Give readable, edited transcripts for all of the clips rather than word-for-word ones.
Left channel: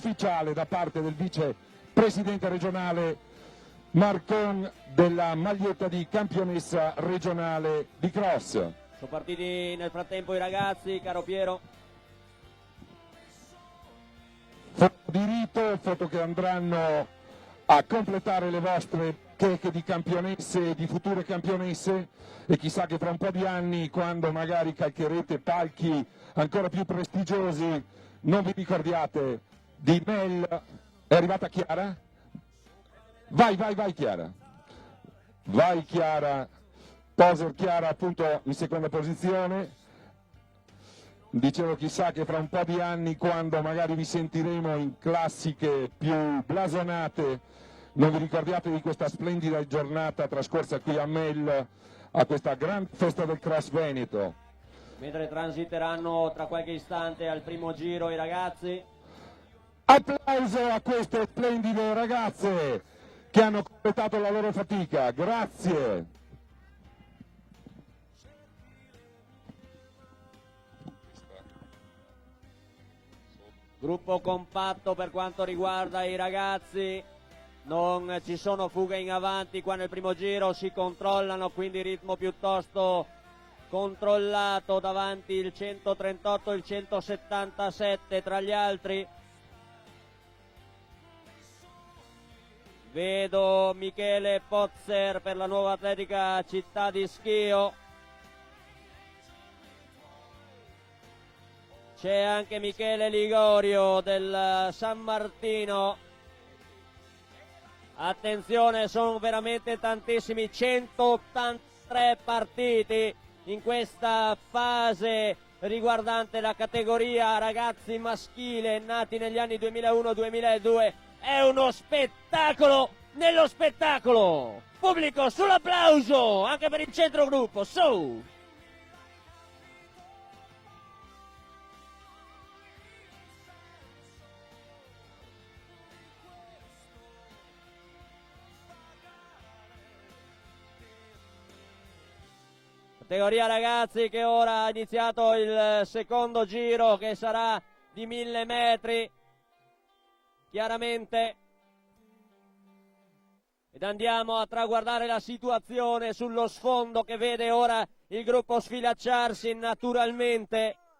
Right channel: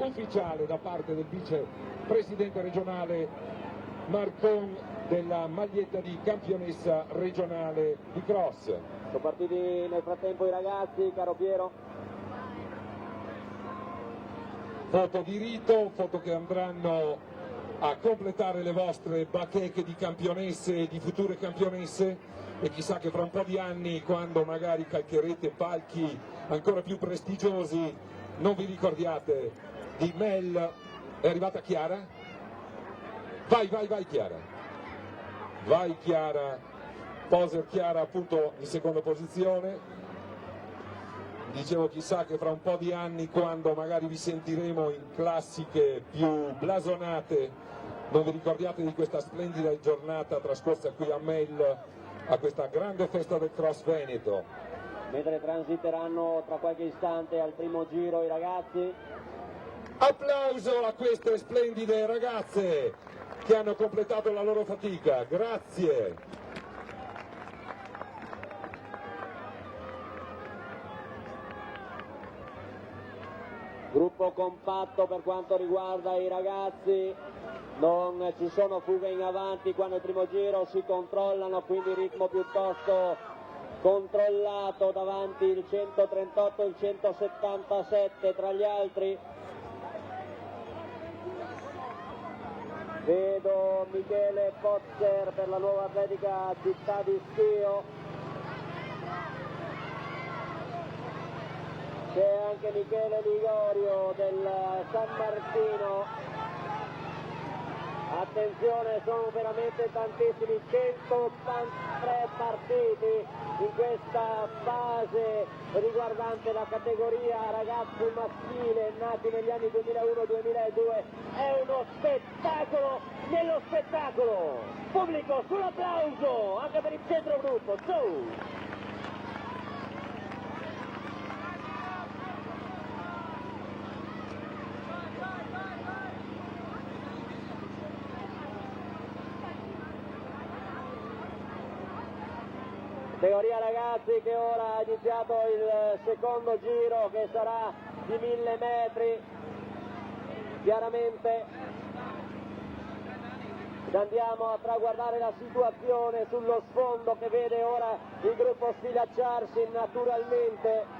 ufficiale da parte del vice presidente regionale Marcon della maglietta di campionessa regionale di cross. Sono partiti nel frattempo i ragazzi, caro Piero. Foto di rito, foto che andranno a completare le vostre tete di campionesse, di future campionesse, e chissà che tra un po' di anni, quando magari calcherete palchi ancora più prestigiosi, non vi ricordiate di Mel. È arrivata Chiara? Vai Chiara, vai Chiara, poso Chiara appunto in seconda posizione. Dicevo, chissà che fra un po' di anni, quando magari vi sentiremo in classiche più blasonate, non vi ricordiate di questa splendida giornata trascorsa qui a Mel, a questa gran festa del cross veneto. Mentre transiteranno tra qualche istante al primo giro i ragazzi. Applauso a queste splendide ragazze che hanno completato la loro fatica, grazie. Gruppo compatto per quanto riguarda i ragazzi, non ci sono fughe in avanti qua nel primo giro, si controllano, quindi ritmo piuttosto controllato davanti il 138 e il 177 tra gli altri. Vedo Michele Pozzer per la nuova atletica Città di Schio. C'è anche Michele Ligorio del San Martino. Attenzione, sono veramente tantissimi, 183 partiti in questa fase riguardante la categoria ragazzi maschile nati negli anni 2001-2002. È uno spettacolo nello spettacolo. Pubblico, sull'applauso anche per il centrogruppo. Su! Categoria ragazzi che ora ha iniziato il secondo giro, che sarà di 1000 metri. Chiaramente andiamo a traguardare la situazione sullo sfondo, che vede ora il gruppo sfilacciarsi naturalmente.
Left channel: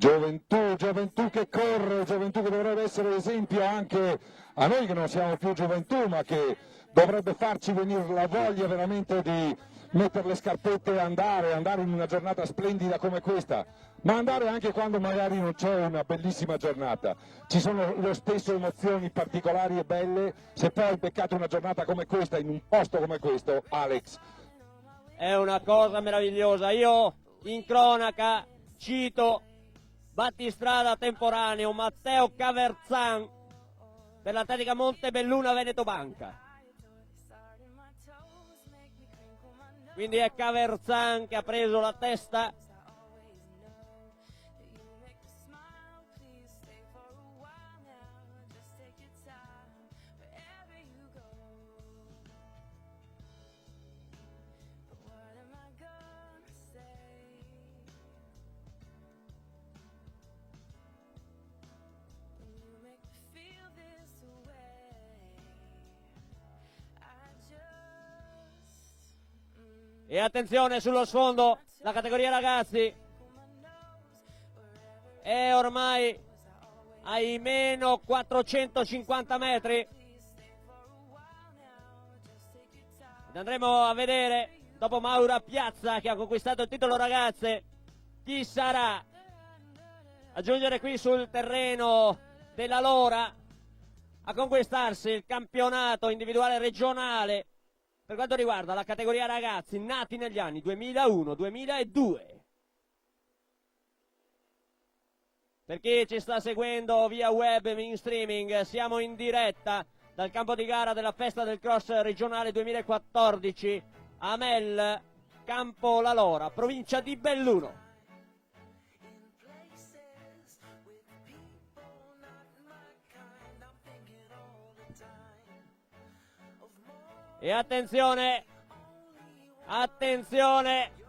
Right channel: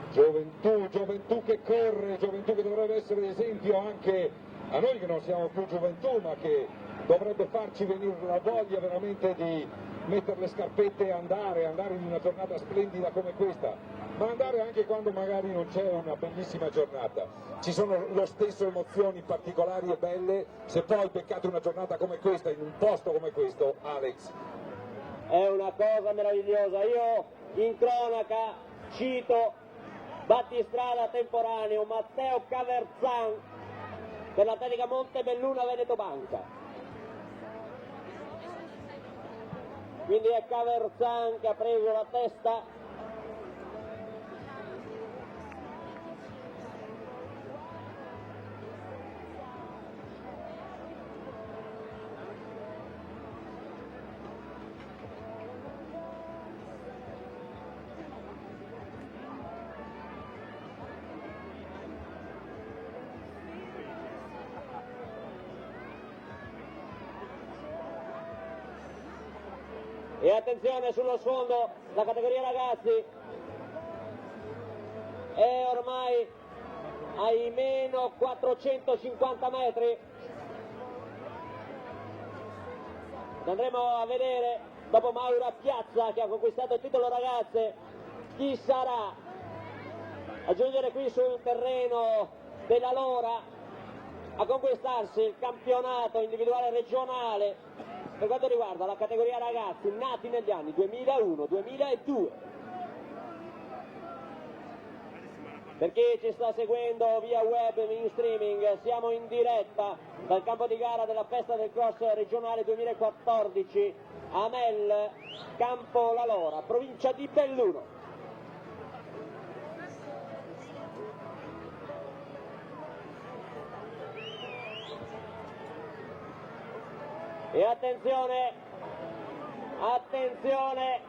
Gioventù che corre, gioventù che dovrebbe essere esempio anche a noi che non siamo più gioventù, ma che dovrebbe farci venire la voglia veramente di mettere le scarpette e andare in una giornata splendida come questa, ma andare anche quando magari non c'è una bellissima giornata. Ci sono le stesse emozioni particolari e belle, se poi peccate una giornata come questa, in un posto come questo, Alex. È una cosa meravigliosa. Io in cronaca cito battistrada temporaneo Matteo Caverzan dell'Atletica Montebelluna Veneto Banca. Quindi è Caverzan che ha preso la testa. E attenzione sullo sfondo, la categoria ragazzi è ormai ai meno 450 metri. Andremo a vedere, dopo Maura Piazza che ha conquistato il titolo ragazze, chi sarà a giungere qui sul terreno della Lora a conquistarsi il campionato individuale regionale per quanto riguarda la categoria ragazzi nati negli anni 2001-2002. Per chi ci sta seguendo via web e in streaming, siamo in diretta dal campo di gara della festa del cross regionale 2014 Amel Campo La Lora, provincia di Belluno. E attenzione, attenzione,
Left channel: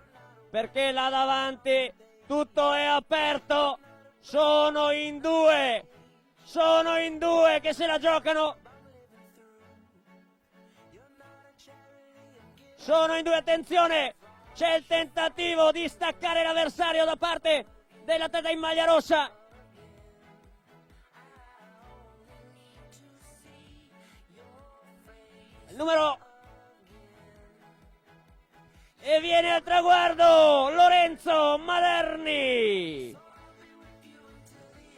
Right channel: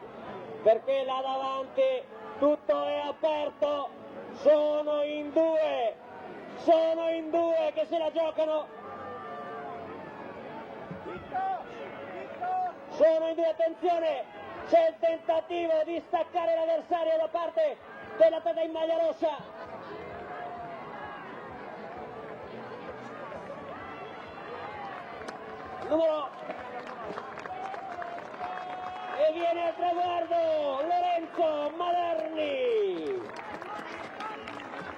perché là davanti tutto è aperto, sono in due che se la giocano, sono in due, attenzione, c'è il tentativo di staccare l'avversario da parte dell'atleta in maglia rossa. E viene al traguardo Lorenzo Maderni,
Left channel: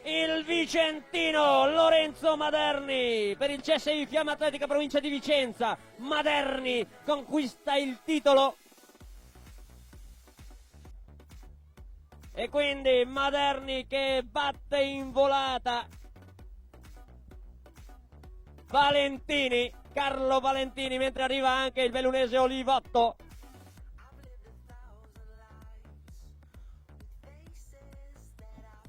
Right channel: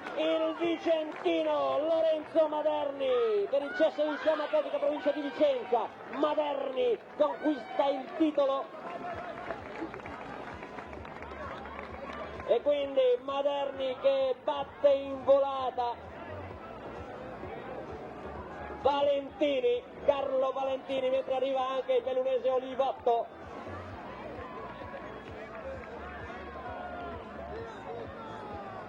il vicentino Lorenzo Maderni per il CSI Fiamme Atletica provincia di Vicenza. Maderni conquista il titolo e quindi Maderni che batte in volata Valentini, Carlo Valentini, mentre arriva anche il bellunese Olivotto.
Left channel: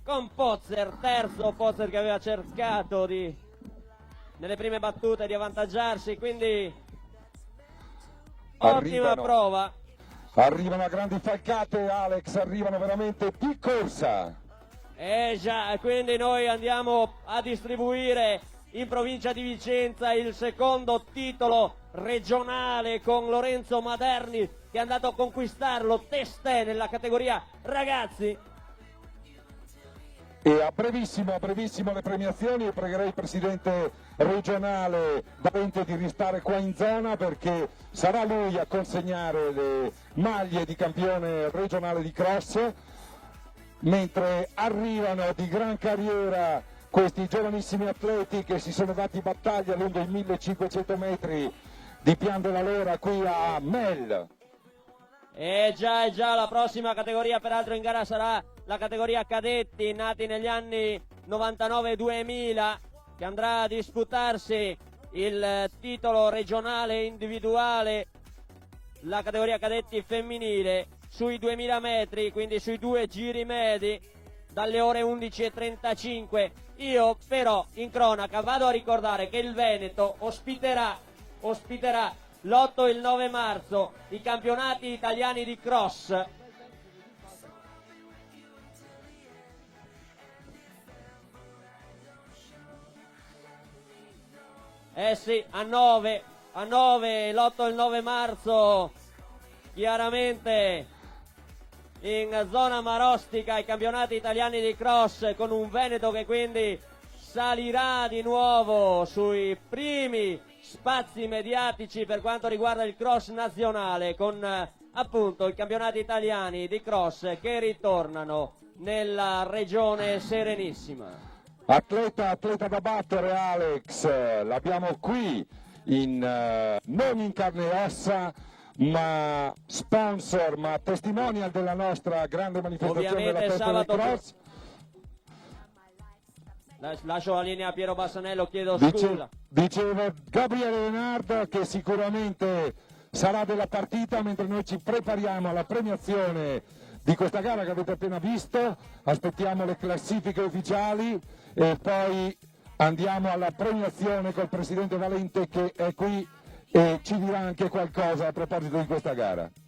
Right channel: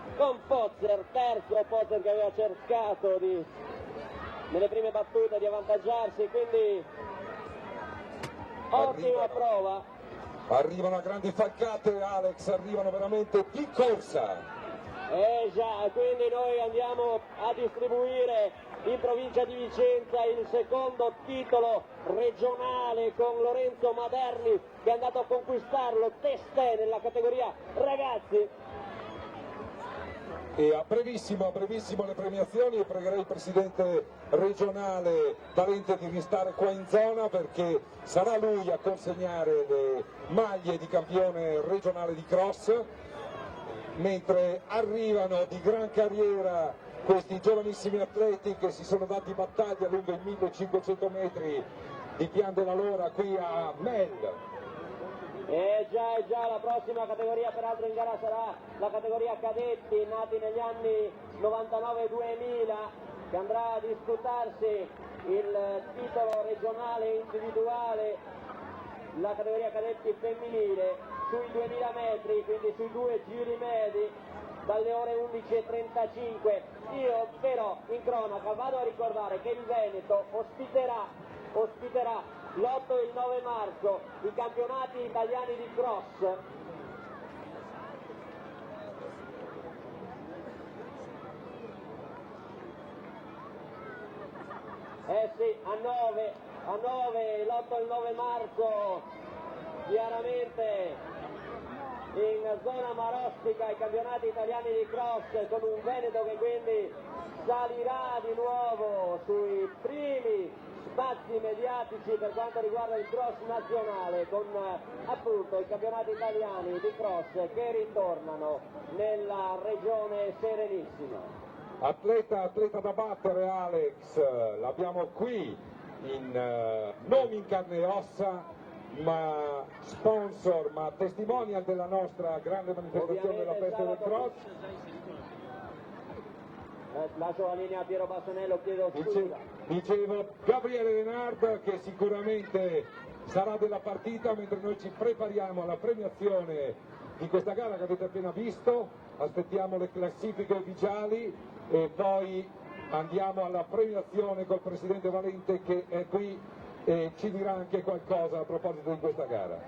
Con Pozzer, terzo Pozzer che aveva cercato nelle prime battute di avvantaggiarsi, quindi ottima prova. Arrivano grandi falcate, Alex, arrivano veramente di corsa. Già, quindi noi andiamo a distribuire in provincia di Vicenza il secondo titolo regionale con Lorenzo Maderni che è andato a conquistarlo testé nella categoria ragazzi. E a brevissima la premiazione, pregherei il presidente regionale Dante di restare qua in zona perché sarà lui a consegnare le maglie di campione regionale di cross, mentre arrivano di gran carriera questi giovanissimi atleti che si sono dati battaglia lungo i 1500 metri di Pian La Lora qui a Mel. E già, la prossima categoria peraltro in gara sarà la categoria cadetti nati negli anni 99-2000 che andrà a disputarsi il titolo regionale individuale, la categoria cadetti femminile sui 2000 metri, quindi sui 2 giri medi dalle ore 11:35. Io però in cronaca vado a ricordare che il Veneto ospiterà l'8 e il 9 marzo i campionati italiani di cross. Sì, a 9 l'8 e il 9 marzo chiaramente in zona marostica i campionati italiani di cross, con un Veneto che quindi salirà di nuovo sui primi spazi mediatici per quanto riguarda il cross nazionale, con appunto i campionati italiani di cross che ritornano nella regione Serenissima. Atleta da battere, Alex, l'abbiamo qui non in carne e ossa, ma sponsor, ma testimonial della nostra grande manifestazione ovviamente della festa del cross. Lascio la linea a Piero Bassanello, chiedo scusa. Dicevo Gabriele Leonardo che sicuramente sarà della partita, mentre noi ci prepariamo alla premiazione di questa gara che avete appena visto, aspettiamo le classifiche ufficiali e poi andiamo alla premiazione col presidente Valente che è qui e ci dirà anche qualcosa a proposito di questa gara.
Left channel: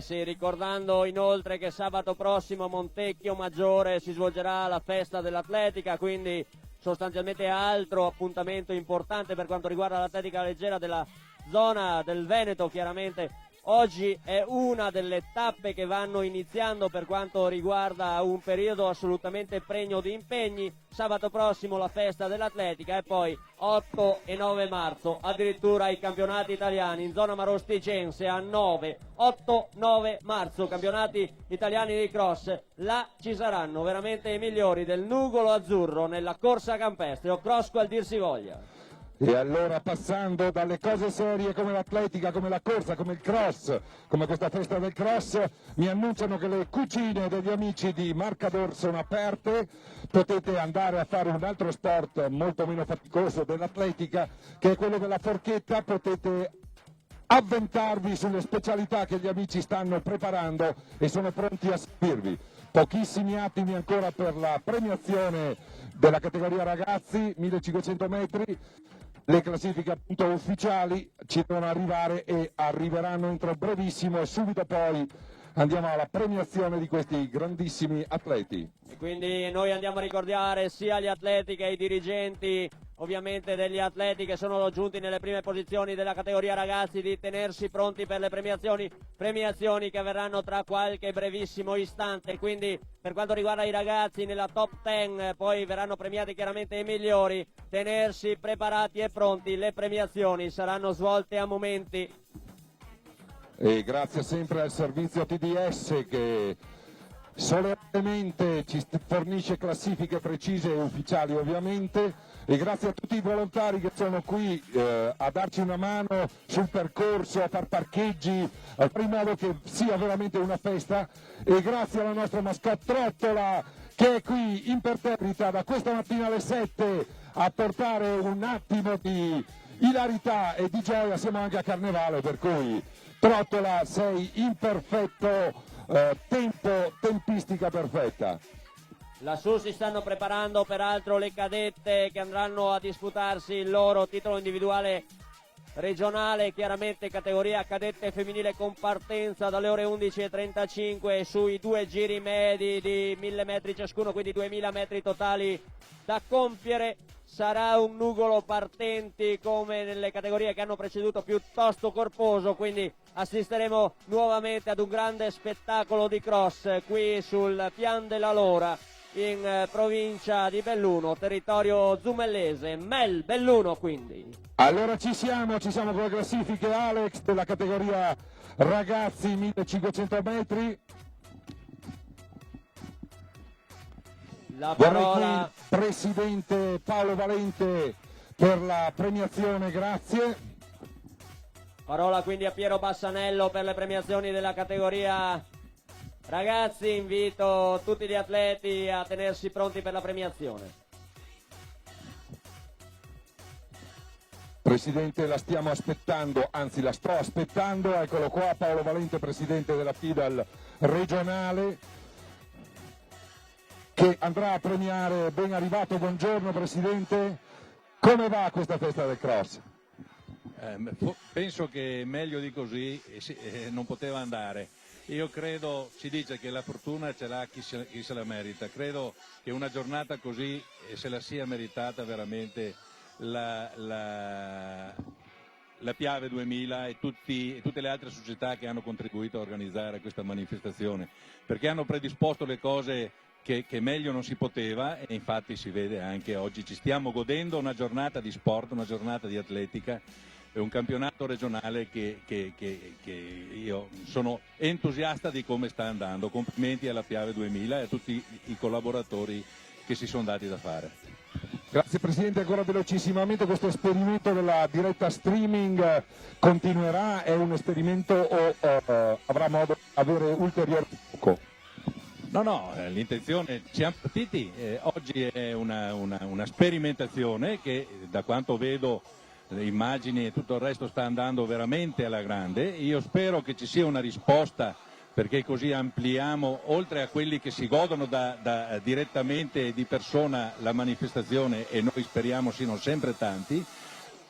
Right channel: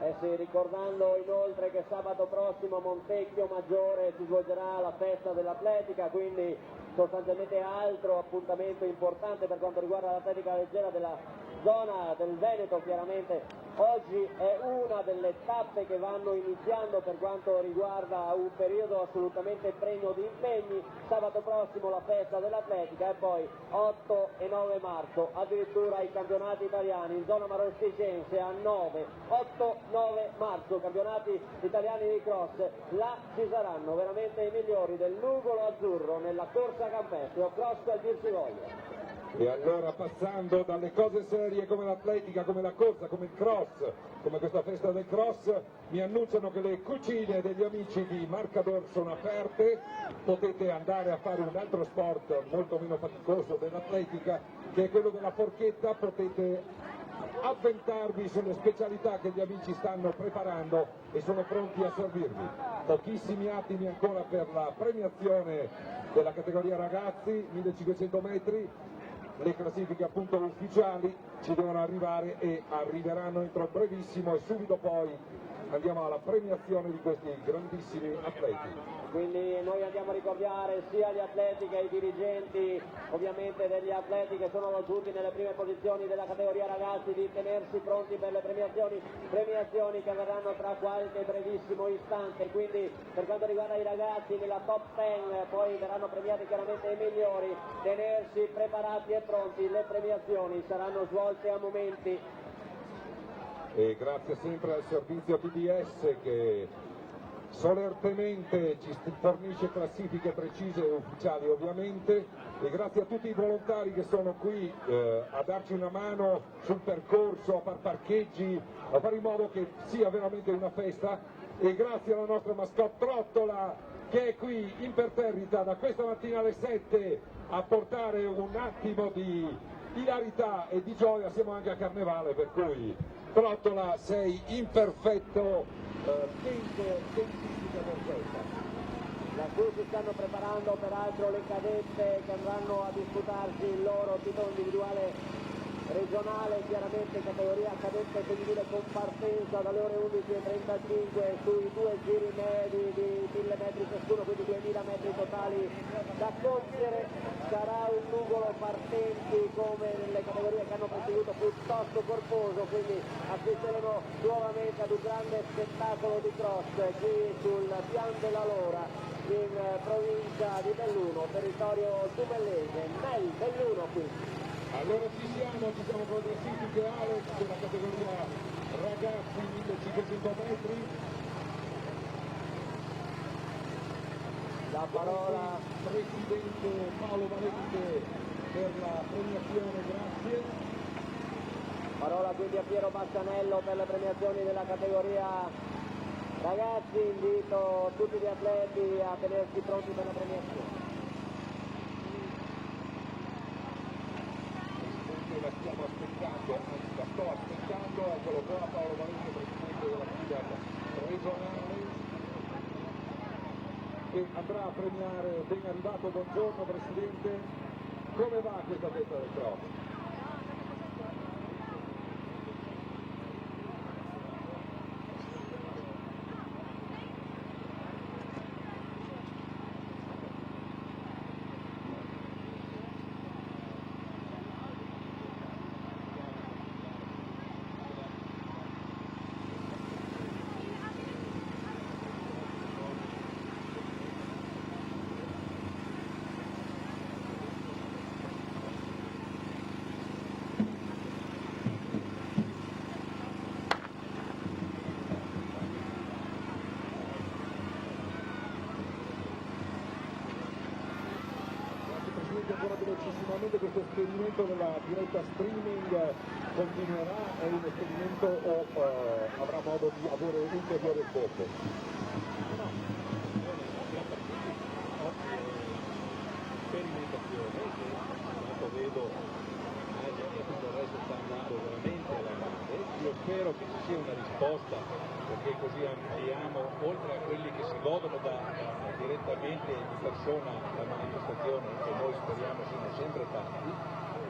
Sì, ricordando inoltre che sabato prossimo a Montecchio Maggiore si svolgerà la festa dell'atletica, quindi sostanzialmente altro appuntamento importante per quanto riguarda l'atletica leggera della zona del Veneto. Chiaramente oggi è una delle tappe che vanno iniziando per quanto riguarda un periodo assolutamente pregno di impegni. Sabato prossimo la festa dell'atletica e poi 8 e 9 marzo addirittura i campionati italiani in zona marosticense a 8-9 marzo campionati italiani di cross. Là ci saranno veramente i migliori del nugolo azzurro nella corsa campestre o cross qual dir si voglia. E allora, passando dalle cose serie come l'atletica, come la corsa, come il cross, come questa festa del cross, mi annunciano che le cucine degli amici di Marcador sono aperte. Potete andare a fare un altro sport molto meno faticoso dell'atletica, che è quello della forchetta. Potete avventarvi sulle specialità che gli amici stanno preparando e sono pronti a seguirvi. Pochissimi attimi ancora per la premiazione della categoria ragazzi, 1500 metri. Le classifiche appunto ufficiali ci devono arrivare e arriveranno entro brevissimo e subito poi andiamo alla premiazione di questi grandissimi atleti. Quindi noi andiamo a ricordare sia gli atleti che i dirigenti, ovviamente degli atleti che sono giunti nelle prime posizioni della categoria ragazzi, di tenersi pronti per le premiazioni che avverranno tra qualche brevissimo istante. Quindi per quanto riguarda i ragazzi nella top 10 poi verranno premiati chiaramente i migliori, tenersi preparati e pronti, le premiazioni saranno svolte a momenti. E grazie sempre al servizio TDS che solennemente ci fornisce classifiche precise e ufficiali ovviamente, e grazie a tutti i volontari che sono qui a darci una mano sul percorso, a far parcheggi, a fare in modo che sia veramente una festa, e grazie alla nostra mascotte Trottola che è qui imperterrita da questa mattina alle 7 a portare un attimo di ilarità e di gioia. Siamo anche a Carnevale, per cui Trottola sei in perfetto tempistica perfetta. Lassù si stanno preparando peraltro le cadette che andranno a disputarsi il loro titolo individuale regionale, chiaramente categoria cadette femminile con partenza dalle ore 11:35 sui 2 giri medi di 1000 metri ciascuno, quindi 2000 metri totali da compiere. Sarà un nugolo partenti come nelle categorie che hanno preceduto piuttosto corposo, quindi assisteremo nuovamente ad un grande spettacolo di cross qui sul Pian della Lora in provincia di Belluno, territorio zumellese. Belluno quindi. Allora ci siamo con le classifiche Alex della categoria ragazzi 1500 metri. Vorrei qui presidente Paolo Valente per la premiazione, grazie. Parola quindi a Piero Bassanello per le premiazioni della categoria ragazzi. Invito tutti gli atleti a tenersi pronti per la premiazione. Presidente, la stiamo aspettando, anzi la sto aspettando, eccolo qua Paolo Valente, presidente della FIDAL regionale, che andrà a premiare. Ben arrivato, buongiorno Presidente, come va questa festa del cross? Penso che meglio di così non poteva andare. Io credo, si dice che la fortuna ce l'ha chi se la merita, credo che una giornata così se la sia meritata veramente la Piave 2000 e tutte le altre società che hanno contribuito a organizzare questa manifestazione, perché hanno predisposto le cose che meglio non si poteva, e infatti si vede anche oggi. Ci stiamo godendo una giornata di sport, una giornata di atletica e un campionato regionale che io sono entusiasta di come sta andando. Complimenti alla Piave 2000 e a tutti i collaboratori che si sono dati da fare. Grazie Presidente, ancora velocissimamente questo esperimento della diretta streaming continuerà? È un esperimento o avrà modo di avere ulteriore sbocco? No, l'intenzione, siamo partiti, oggi è una sperimentazione che, da quanto vedo, le immagini e tutto il resto sta andando veramente alla grande. Io spero che ci sia una risposta, perché così ampliamo, oltre a quelli che si godono direttamente di persona la manifestazione, e noi speriamo siano sempre tanti.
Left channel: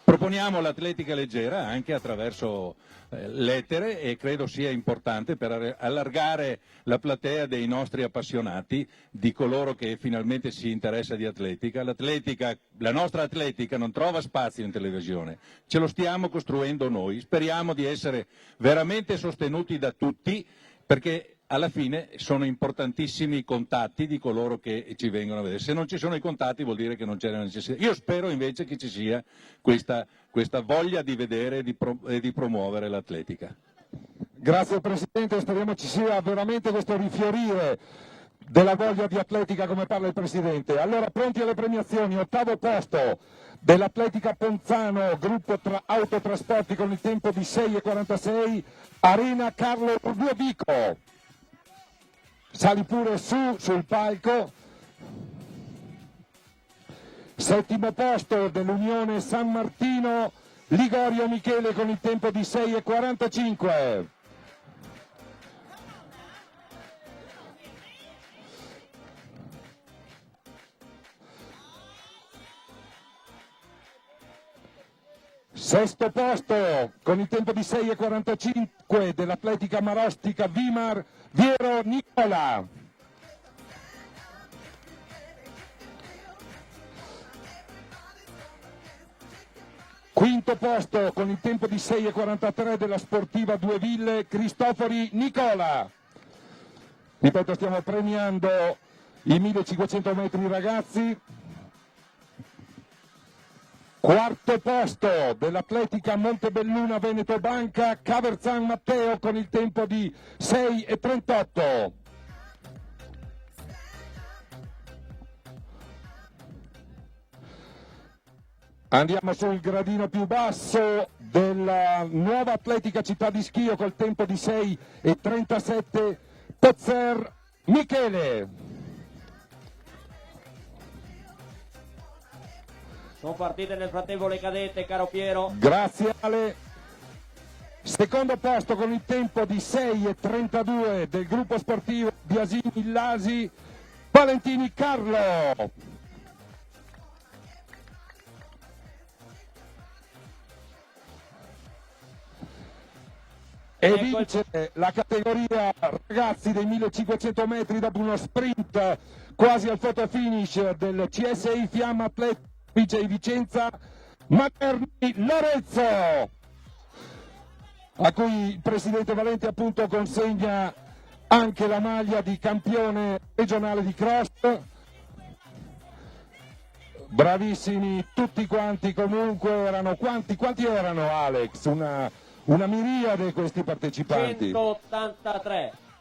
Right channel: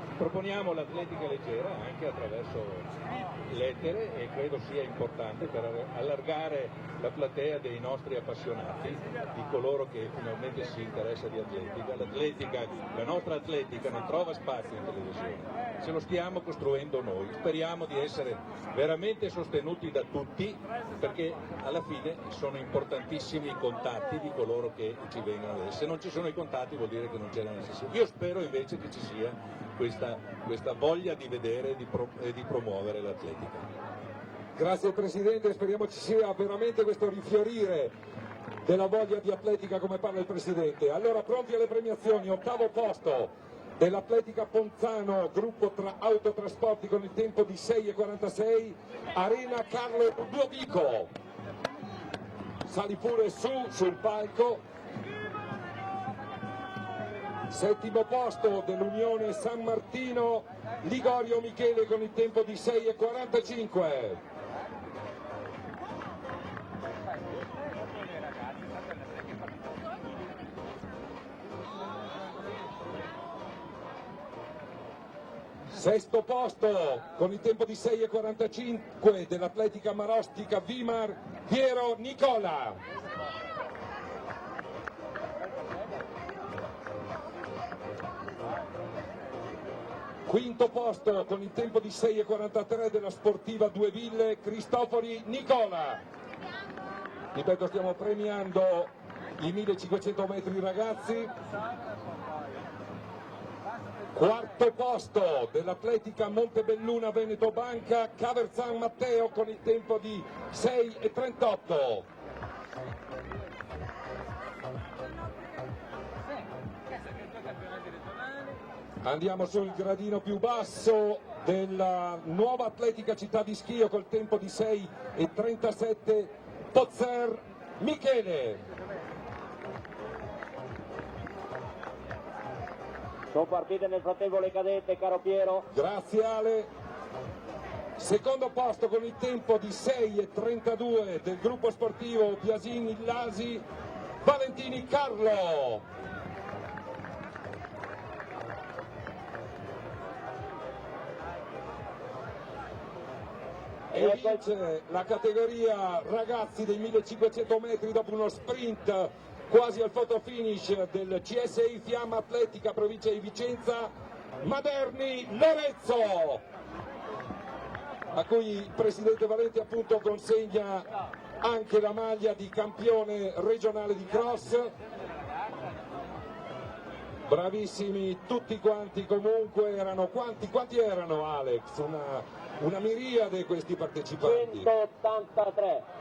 Proponiamo l'atletica leggera anche attraverso lettere, e credo sia importante per allargare la platea dei nostri appassionati, di coloro che finalmente si interessa di atletica. La nostra atletica non trova spazio in televisione, ce lo stiamo costruendo noi, speriamo di essere veramente sostenuti da tutti, perché alla fine sono importantissimi i contatti di coloro che ci vengono a vedere. Se non ci sono i contatti vuol dire che non c'è la necessità. Io spero invece che ci sia questa voglia di vedere e di promuovere l'atletica. Grazie Presidente, speriamo ci sia veramente questo rifiorire della voglia di atletica come parla il Presidente. Allora, pronti alle premiazioni, 8° posto dell'Atletica Ponzano, gruppo autotrasporti con il tempo di 6:46, Arena Carlo Ludovico. Sali pure sul palco. 7° posto dell'Unione San Martino, Ligorio Michele con il tempo di 6,45. Sesto posto con il tempo di 6,45 dell'atletica marostica Vimar Viero Nicola. Quinto posto con il tempo di 6,43 della sportiva Due Ville Cristofori Nicola. Ripeto, stiamo premiando i 1500 metri ragazzi. Quarto posto dell'atletica Montebelluna Veneto Banca Caverzan Matteo con il tempo di 6,38. Andiamo sul gradino più basso della nuova atletica città di Schio col tempo di 6,37 Pozzer Michele. Sono partite nel frattempo le cadette, caro Piero. Grazie Ale. Secondo posto con il tempo di 6,32 del gruppo sportivo Biasini Lasi Valentini Carlo. E vince la categoria ragazzi dei 1500 metri dopo uno sprint quasi al photo finish del CSI Fiamma Atletica vince in Vicenza Materni Lorenzo, a cui il presidente Valenti appunto consegna anche la maglia di campione regionale di cross. Bravissimi tutti quanti, comunque erano quanti erano Alex? Una miriade questi partecipanti.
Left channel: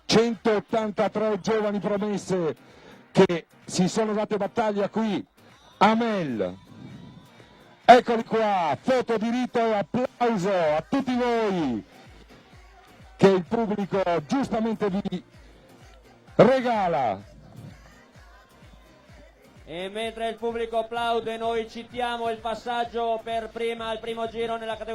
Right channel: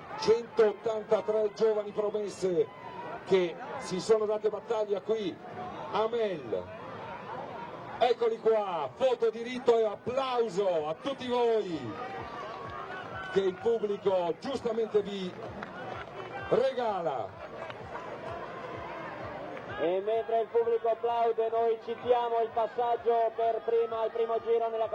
183 giovani promesse che si sono date battaglia qui a Mel. Eccoli qua, foto di rito e applauso a tutti voi che il pubblico giustamente vi regala. E mentre il pubblico applaude noi citiamo il passaggio per prima al primo giro nella categoria